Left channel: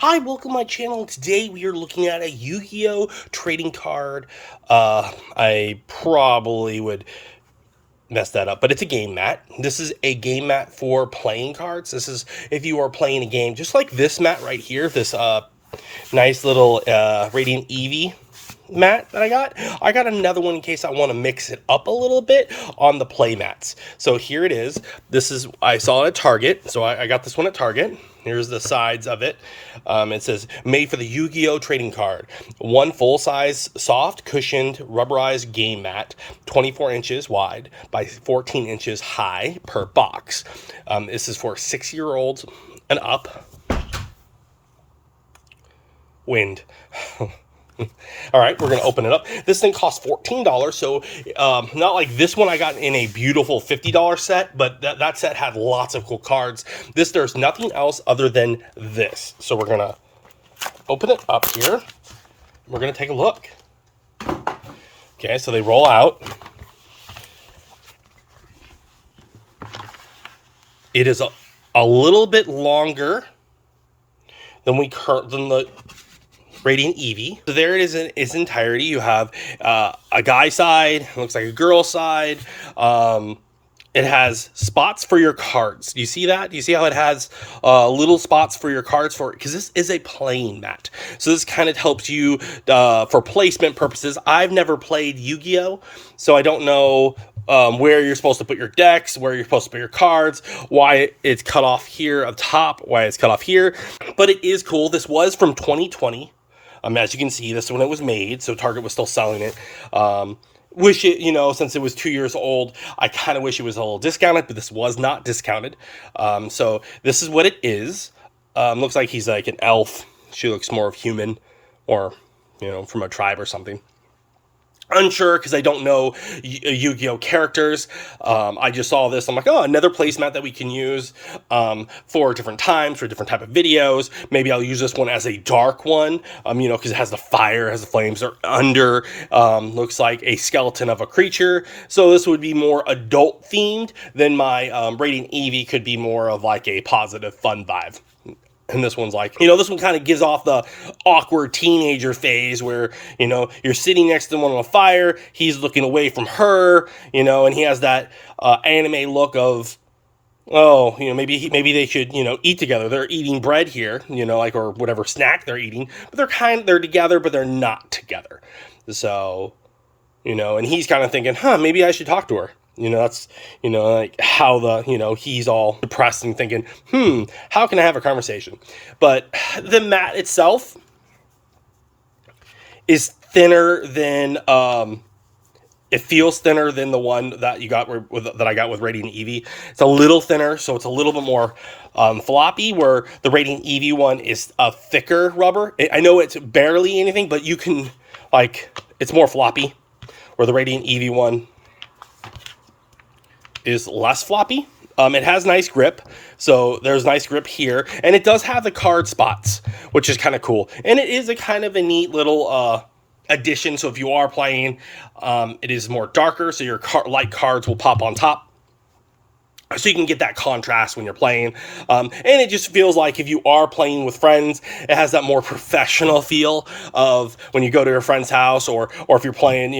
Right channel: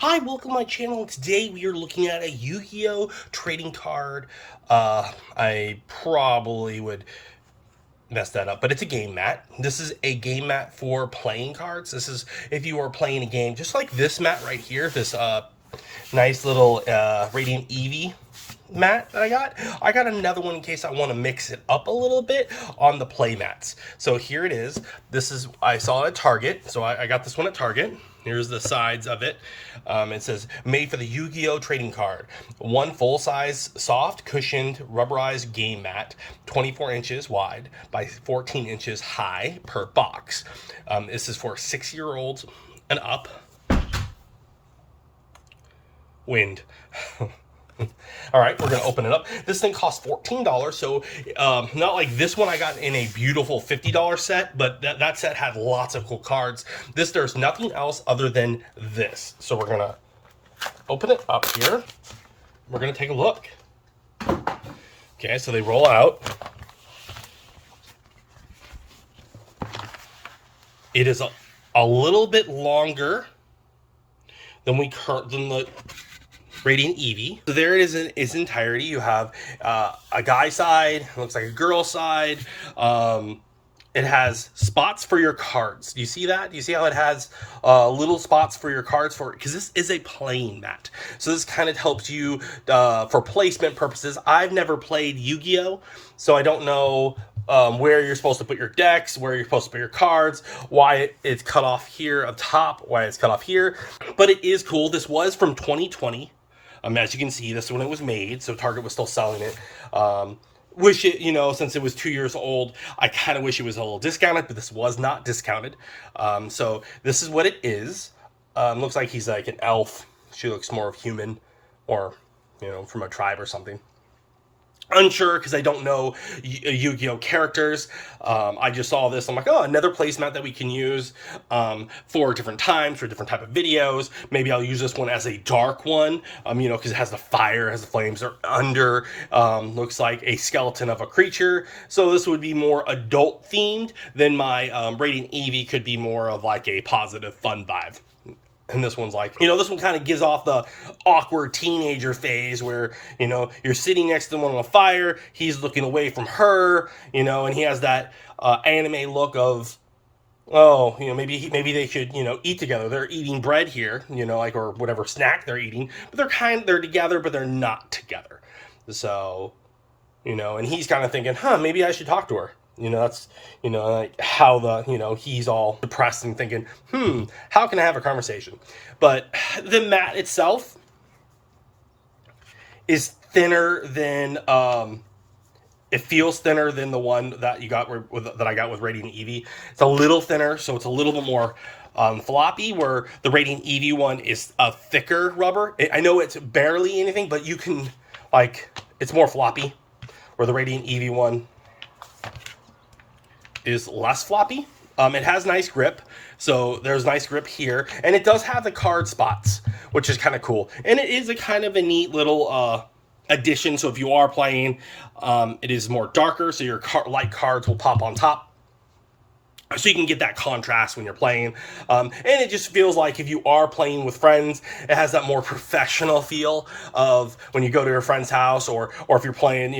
Hi, welcome to my channel. Today we are looking at a Yu-Gi-Oh trading card. I probably would mess that up, but it's a game mat. This is a game mat for playing cards. This is if you are playing a game just like this mat right here, this nice little Radiant Eevee mat that I got. I got another one in case I want to mix it up a little bit on the play mats. So here it is. This is, I saw it at Target, so I got this one at Target. Here's the sides of it. It says made for the Yu-Gi-Oh trading card. One full-size, soft, cushioned, rubberized game mat, 24 inches wide by 14 inches high per box. This is for 6-year-olds and up. Wind. All right, we're gonna open it up. This thing costs $14, so not like this one I got in a beautiful $50 set, but that set had lots of cool cards. There's nothing else other than this. So we're gonna open it up here. We're gonna take a look. Okay, so they roll out. It is a little bit longer than the Radiant Eevee. So there it is in its entirety. You have a guy side, looks like a girl side. It has spots for your cards. Do you see that? Do you see how it has little spots for your cards for? Because this is a playing mat. So this kind of helps you for placement purposes. I've never played Yu-Gi-Oh, so I don't know where you're supposed to put your decks, where you're supposed to put your cards, why it's cut off here up top, why it's cut off here. But it is cool. This was from 2020. As you can see, this is when it was made, so Target was still selling it. Wish it, since it was 2 years old, I kind of wish it was a little discounted, but this was not discounted. So this is what it is. Looks like he's like an elf. She looks more of human, or from a tribe or something. Unsure because I don't know Yu-Gi-Oh characters. I just saw this. I'm like, oh, another placemat that we can use for different times, for different type of videos. Maybe I'll use this one as a dark one, because it has the fire, it has the flames. They're under, looks like a skeleton of a creature. So this would be more adult themed than my Radiant Eevee could be more of like a positive, fun vibe. And this one's like, this one kind of gives off the awkward teenager phase where, you're sitting next to him on a fire, he's looking away from her, and he has that anime look of, oh, maybe they should, eat together. They're eating bread here, like, or whatever snack they're eating, but they're together, but they're not together. So, and he's kind of thinking, maybe I should talk to her. That's, like how he's all depressed and thinking, how can I have a conversation? But the mat itself is thinner than, it feels thinner than the one that I got with Radiant Eevee. It's a little thinner, so it's a little bit more floppy, where the Radiant Eevee one is a thicker rubber. I know it's barely anything, but you can, it's more floppy, where the Radiant Eevee one is less floppy. It has nice grip, so there's nice grip here, and it does have the card spots, which is kind of cool. And it is a kind of a neat little addition. So if you are playing, it is more darker, so your light cards will pop on top. So you can get that contrast when you're playing. And it just feels like if you are playing with friends, it has that more professional feel of when you go to your friend's house, or if you're playing,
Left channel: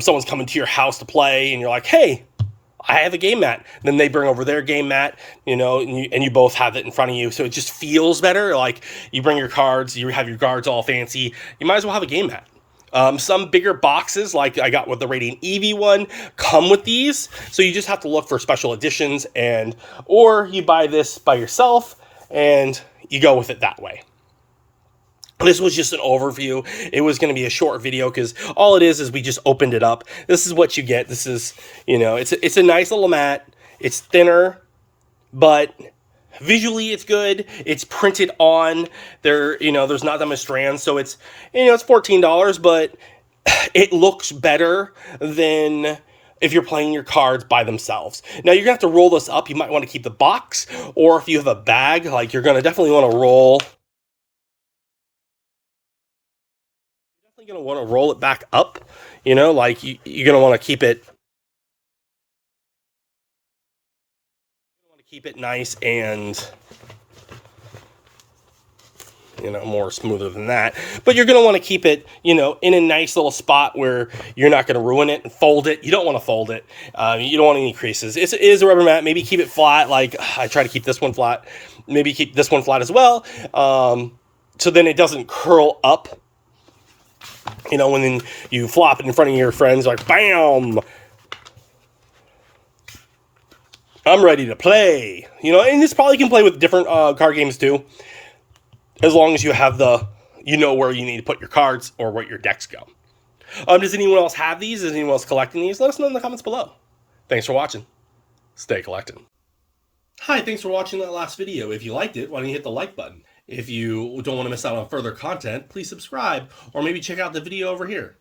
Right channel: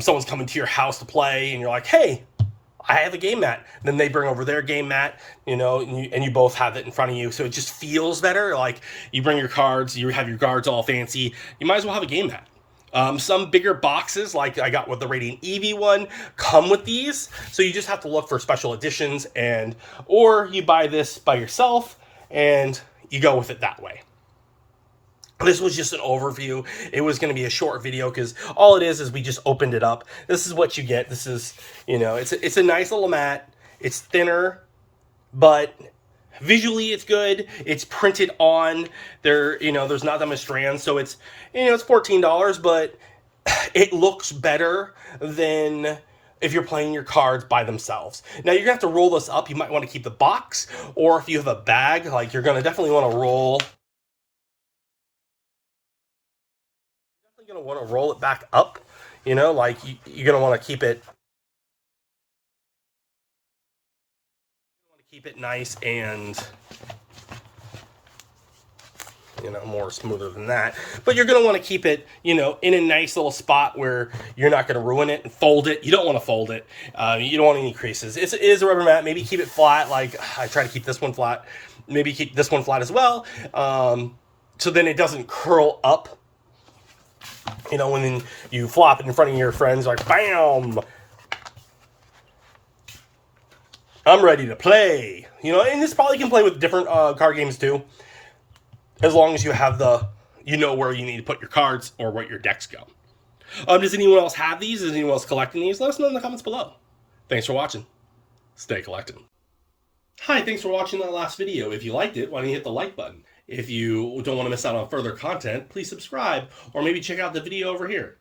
someone's coming to your house to play, and you're like, hey, I have a game mat. Then they bring over their game mat, and you both have it in front of you. So it just feels better. Like you bring your cards, you have your cards all fancy. You might as well have a game mat. Some bigger boxes, like I got with the Radiant Eevee one, come with these. So you just have to look for special editions, or you buy this by yourself and you go with it that way. This was just an overview. It was going to be a short video because all it is we just opened it up. This is what you get. This is, it's a nice little mat. It's thinner, but visually it's good. It's printed on there. There's not that much strands, so it's $14, but it looks better than if you're playing your cards by themselves. Now you're gonna have to roll this up. You might want to keep the box, or if you have a bag, like you're gonna definitely want to roll. Going to want to roll it back up, like you're going to want to keep it nice and more smoother than that. But you're going to want to keep it, in a nice little spot where you're not going to ruin it and fold it. You don't want to fold it. You don't want any creases. It is a rubber mat. Maybe keep it flat. Like I try to keep this one flat. Maybe keep this one flat as well. So then it doesn't curl up. When you flop it in front of your friends, like, bam! I'm ready to play. And this probably can play with different card games too. As long as you have where you need to put your cards or where your decks go. Does anyone else have these? Is anyone else collecting these? Let us know in the comments below. Thanks for watching. Stay collecting. Hi, thanks for watching that last video. If you liked it, why don't you hit the like button? If you don't want to miss out on further content, please subscribe or maybe check out the video over here.